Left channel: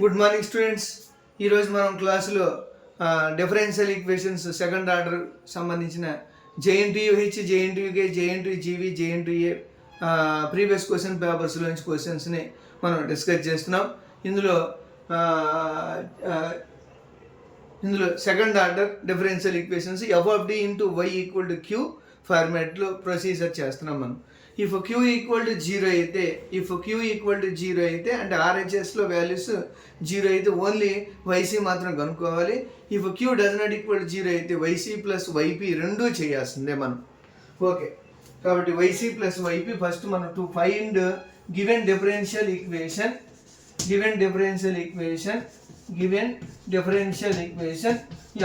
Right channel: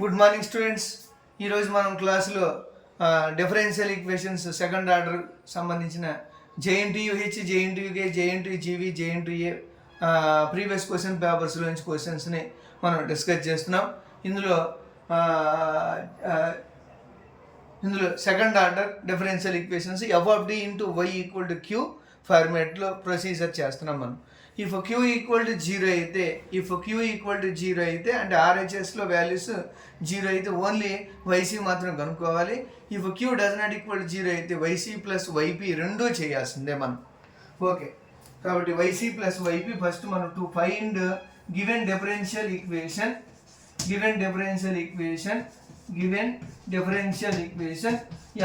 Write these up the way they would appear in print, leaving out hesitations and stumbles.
Good morning students. ఈరోజు మనం క్లాసులో డిఫరెన్షియల్ ఈక్వేషన్స్ సెకండ్ ఆర్డర్ సంబంధించిన JNTUH, JNTUK, JNTUGV, JNTUA previous question పేపర్స్లోంచి క్వశ్చన్స్ని మనం డిస్కస్ చేస్తున్నాం. ఇందులో second order differential equations F of D into y equal to Q ఫార్మాట్లో ప్రొసీజర్ చేస్తున్నాం మనం. If Q equal to zero అయితే అంటే ఆర్హెచ్ఎస్లో వాల్యూస్ జీరో అయితే ఓన్లీ వైసీ మాత్రం కనుక్కోవాలి. If Q does not equal to zero అయితే వైసీ ప్లస్ వైపీ రెండూ చేయాల్సిందే మనం. ఓకే, కాబట్టి వైసీ ప్లస్ వైపీ ఫస్ట్ మనం to find given differential equation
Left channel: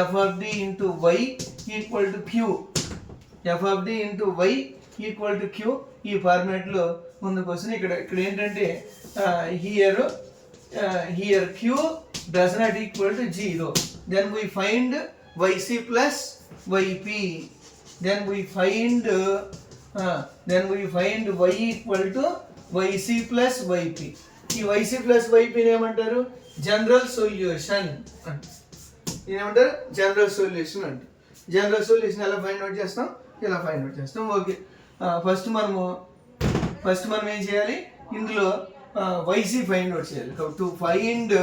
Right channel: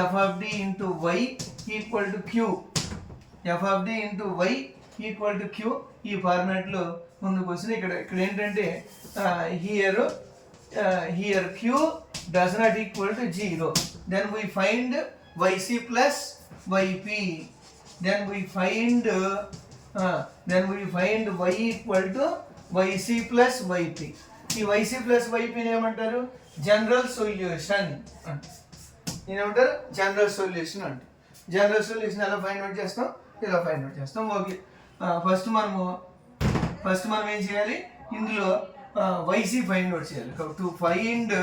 F of D into y equal to Q, F of D into y equal to Q ఈ ఫార్మాట్లో ముందుకు వస్తుంది. ఇక్కడ ఏంటంటే here Q does not equal to zero, then we find y c plus y p, then we find y equal to y c plus y p. ఈ y c plus వైపీని ఏమంటారు? General solution ఏమంటారు? జనరల్ సొల్యూషన్ అంటారు. జనరల్ సొల్యూషన్ ఎలా ఫైండ్ అవుట్ చేస్తాం? ఇలా find out చేస్తాం. Okay, first మనం ఏం చేయాలి? ఇందులో వైసీ ఫైండ్ అవుట్ చేయాలి. టు ఫైండ్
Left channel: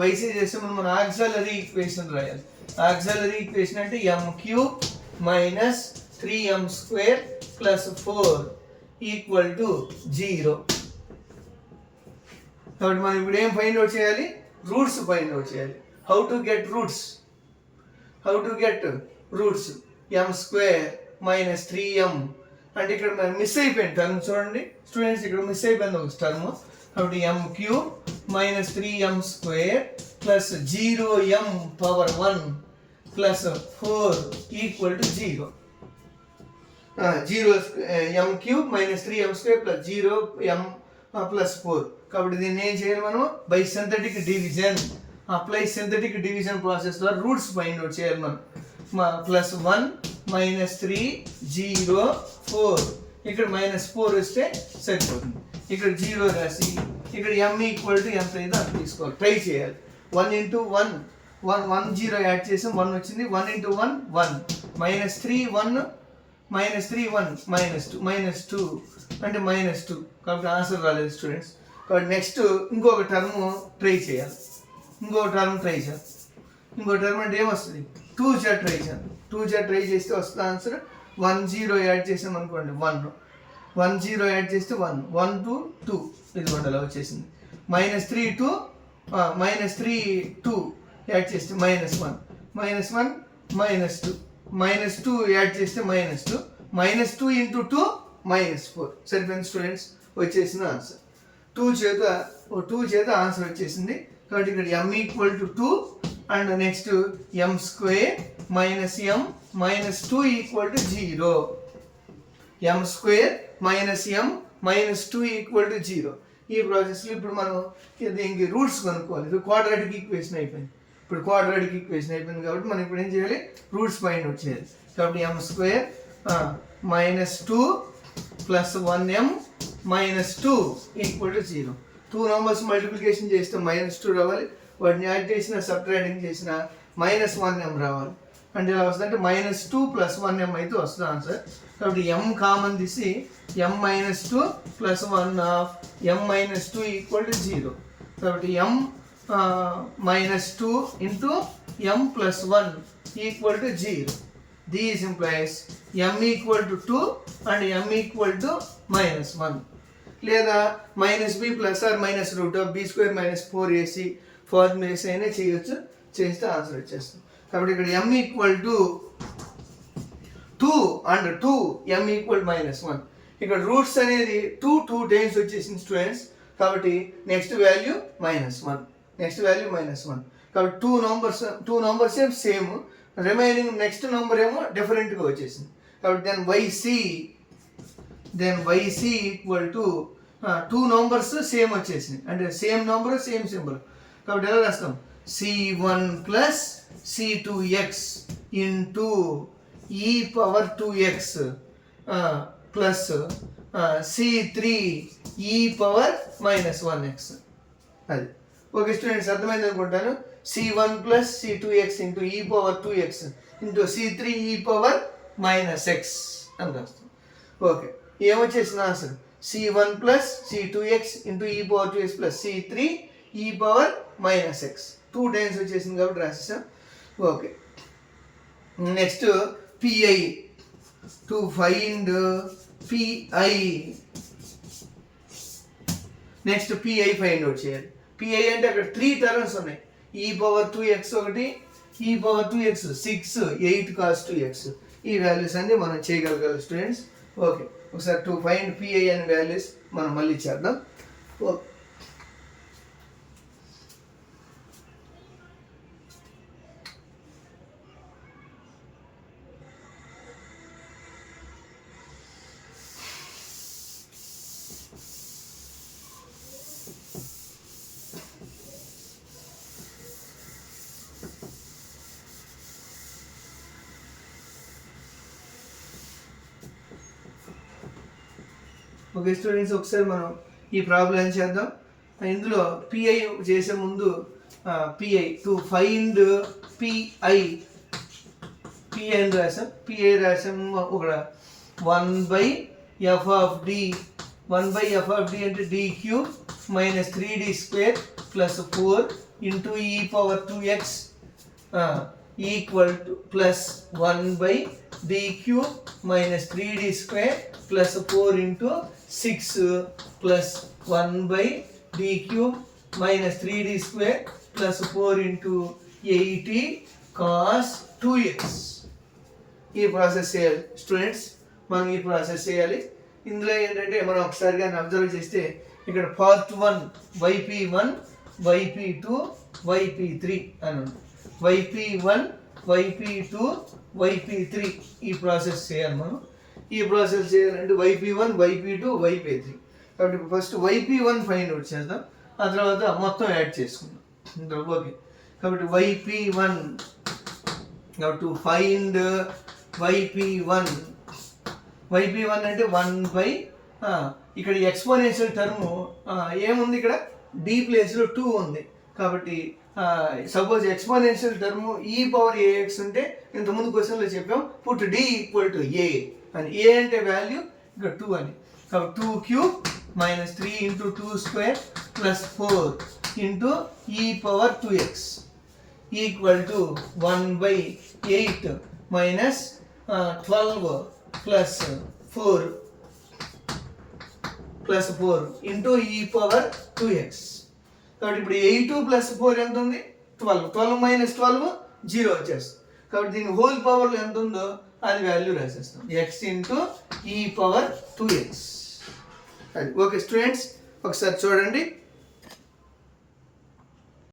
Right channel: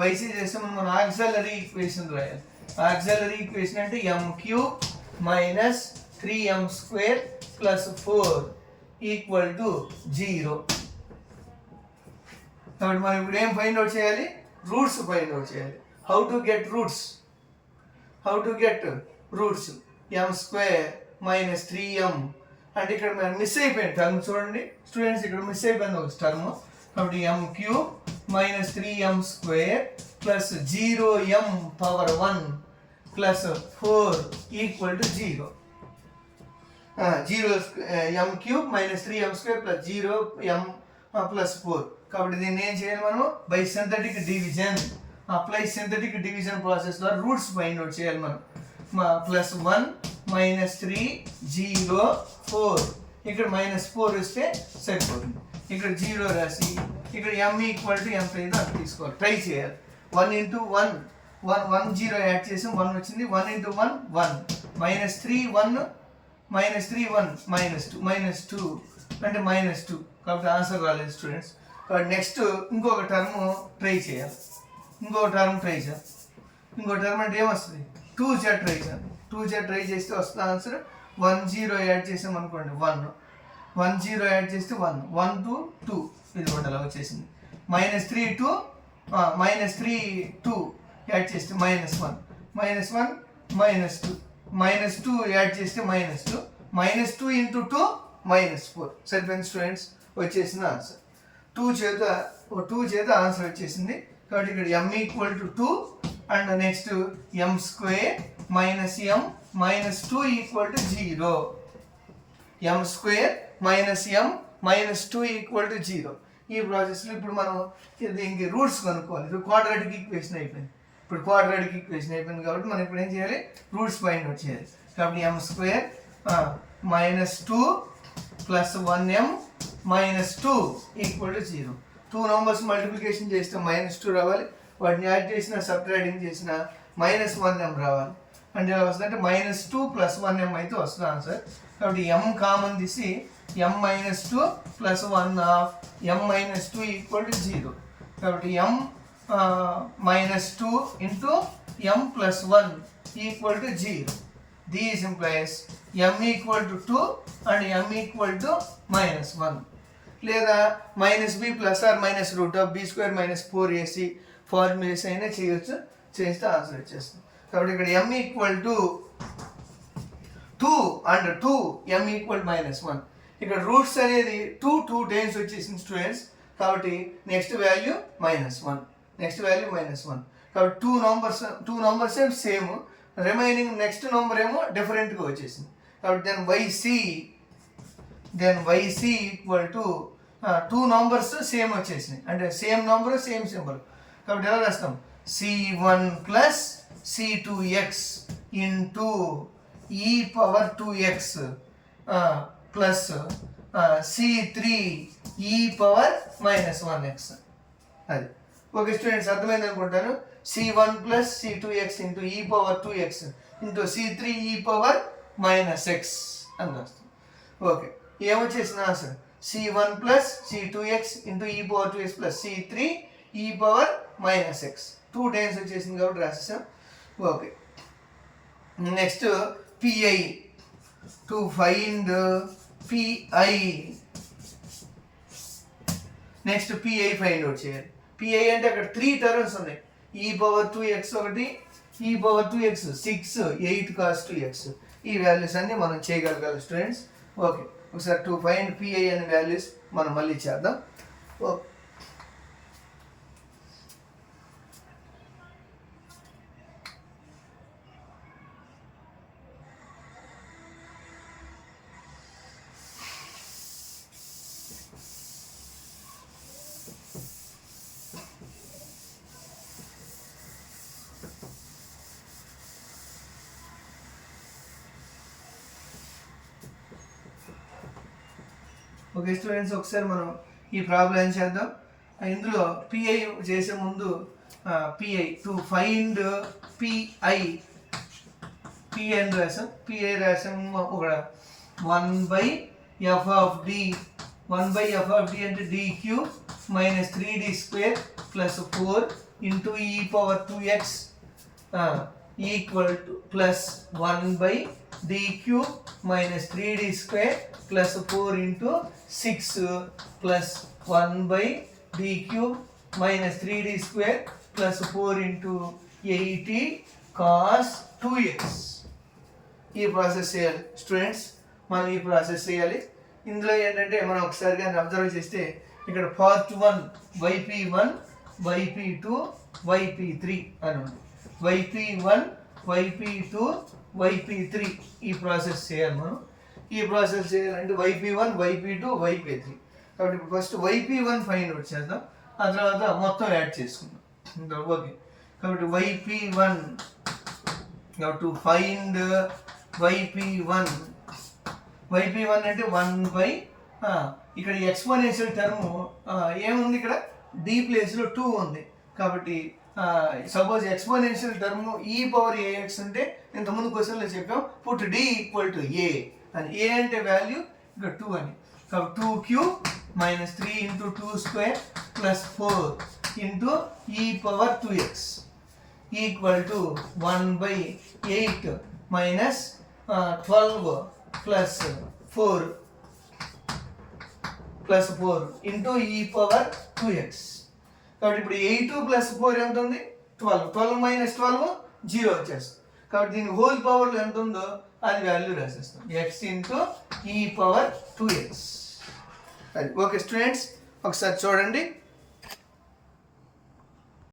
వైసీ చేస్తే మనం ఆక్సిలరీ ఈక్వేషన్ రాయాలి. ఆక్సిలరీ ఈక్వేషన్ అంటే m³ minus 3m² plus 4 equal to 0. కాబట్టి మనం ఇప్పుడు ఏం ఫైండ్ అవుట్ చేయాలి? రూట్స్ ఫైండ్ అవుట్ చేయాలి. How to get roots m² minus 3m అంటే ఇక్కడ మనం మిస్ అయిపోయింది టర్మ్. చూడండి స్టూడెంట్స్, ఇక్కడ మిస్ అయిపోయింది ఒక టర్మ్. కాబట్టి m³ minus 3m² plus 0m power 1 plus 4 equal to 0. m³ minus 3m² plus 0m plus 4. కాబట్టి దీన్ని ఏం చేయాలి మనం? By synthetic division, apply synthetic division process ద్వారా రూట్స్ ఫైండ్ అవుట్ చేయాలి మనం. ప్లస్ 1 మైనస్ 3 0 4, ఇక్కడ మైనస్ 4 వస్తే సరిపోతుంది. ఇక్కడ 0 రాసి ఇక్కడ m ఈక్వల్ టు ఎంత అయిందో అంత తీసుకోవాలి. ట్రై చేయాలి. 1 ఇంటూ 1 0 యాడ్ చేసి 1 వచ్చింది. 1 ఇంటూ 1 1 మైనస్ 3 1 మైనస్ 3 1 మైనస్ 2 అంటే మైనస్ 2. కాబట్టి ఆన్సర్ రాలేదు స్టూడెంట్స్. కాబట్టి నెక్స్ట్ ఇంకొక టర్మ్ ట్రై చేయాలి. ఇంకో టర్మ్ అంటే ఏమొస్తుంది? 2z ట్రై చేయాలి. 2z ట్రై చేస్తే వస్తుంది ఆన్సర్. 1 0 యాడ్ చేసాం అనుకోండి 1 0 యాడ్ చేస్తే 1 1 2 2 ఇది అలా వచ్చేసింది. మైనస్ 3 2 యాడ్ చేస్తే మైనస్ 1 మైనస్ 2 మైనస్ 2 యాడ్ చేస్తే మైనస్ 2 మైనస్ 2 ఇంటూ 2 మైనస్ 4. సరిపోయింది స్టూడెంట్స్, వచ్చేసిన ఆన్సర్. 2 చేత ఆన్సర్ వచ్చేసింది. కాబట్టి ఇక్కడ m equal to 2 and next m² minus m minus 2 equal to 0. m² minus m minus 2 equal to 0. ఈ ప్రాసెస్లో ఇప్పుడు మనం దీనికి రూట్స్ కనుక్కోవాలి. ఇది క్వాడ్రాటిక్ ఈక్వేషన్ అయిపోయింది. కాబట్టి మనం ఇప్పుడు ఏం చేయాలి? రూట్స్ ఫైండ్ అవుట్ చేయాలి. కాబట్టి m² minus 2 plus 1m minus 2 equal to 0. 2 numbers multiplication చేస్తే మైనస్ 2 రావాలి. వాటిని యాడ్ చేసిన సబ్ట్రాక్టింగ్ చేసిన మైనస్ 1m రావాలి. అంటే ఎలా వస్తుంది అంటే మైనస్ 2 ప్లస్ 1m అయితే వస్తుంది ఆన్సర్. కాబట్టి m కామన్ తీసి m minus 2 plus 1 of m minus 2 equal to 0. కాబట్టి m minus 2 into m plus 1 equal to 0. This implies m equal to 2 and m equal to minus 1. లేదా minus b plus or minus root of b² minus 4ac formulation అయినా చేయొచ్చు. చేస్తే answer వచ్చేస్తుంది. కాబట్టి ఇక్కడ m equal to 2 and 2 m equal minus 1. ఇక్కడ roots అనేది 2 times వచ్చేసింది స్టూడెంట్స్. కాబట్టి నెక్స్ట్ వాల్యూ మైనస్ 1. కాబట్టి 2 నంబర్స్ ఏం సేమ్, రిమైనింగ్ నెక్స్ట్ నెంబర్ ఏమో డిఫరెంట్గా వచ్చేసింది. కాబట్టి then y c equal to 2 numbers same వచ్చేసింది. అంటే సేమ్ నంబర్ సేమ్ సింబల్. కాబట్టి ఎలా రాస్తాం? c1 plus c2x into e power 2x plus C3 e power -1x. అది ఓకే స్టూడెంట్స్, అర్థమైంది అనుకుంటాను. C1 plus C2x into e power 2x into C3 e power -x అని వస్తుంది. ఓకే, ఏమొచ్చేసిన answer C1 plus C2x into e power 2x plus C3 e power -x. 2 times వచ్చేసింది కాబట్టి రాసేసాం. Okay, next PI, to find PI. Next PI find out చేయాలి. PI అంటే అక్కడ 3 terms ఉన్నాయి. e పవర్ 2x ఒకటి, e power 2x 6, 8 cos 2x. ఈ values అన్ని మనం చేయగలగాలి స్టూడెంట్స్. ఓకే, ఒకసారి టు ఫైండ్ PI అనే వాల్యూస్ మనం మళ్ళీ చేద్దాం. ఓకే స్టూడెంట్స్, ఒకసారి మనం ఈ ప్రాబ్లం చేద్దాం. ఇందులో PI చేసే ముందు PI టు ఫైండ్ PI అని రాసాం. PI రాసాము ఒక 1/f of d. 1/f of d అంటే d³ minus 3d square plus 4 into e power 2x equal to plus 1/d³ minus 3d square plus 4 into 6 plus 1/d³ minus 3d square plus 4 into 80 cos 2x. ఈ process చేయాలి students, మనం ఈ process చేయాలి. ఇందులో ఏంటంటే మనం ఒకసారి కానీ అబ్జర్వ్ చేస్తే ఇక్కడ పార్ట్ 1 YP1, YP2, YP3 అని ఉంది. YP1, YP2, YP3 ఈ ప్రాసెస్ చేయాలి మనం. ఈ ప్రాసెస్ చేయాలంటే YP1, YP2, YP3. కాబట్టి ఫస్ట్ YP1 ఫైండ్ అవుట్ చేద్దాం, ఆ తర్వాత మొత్తం యాడ్ చేసుకుందాం. ఓకే, కాబట్టి YP1 టు ఫైండ్ YP1 అంటే 1/, ఇక్కడ ఎక్స్పోనెన్షియల్ టర్మ్ ఏముంది, ఇక్కడ d ప్లేస్లో 2 ఉంది. కాబట్టి suppose exponential term e power ax అంటే ఇంతకుముందు క్వశ్చన్లో చెప్పాం put d equal to a అని. a అంటే వాల్యూ, ఇక్కడ 2 అని. కాబట్టి 2³ minus 3 into 2 square plus 4 into e power 2x equal to 1/8 minus 12 plus 4 into e power 2x. కాబట్టి ఇప్పుడు 8 ప్లస్ 4 ఎంత ఉంది, 12. 12 మైనస్ 12 0 వచ్చేస్తుంది. కాబట్టి దీని హోల్ పవర్లో ఎంత ఉందో అది వాల్యూ రాసేస్తాం, x into e power 2x. Okay students, ఒకసారి చూడండి.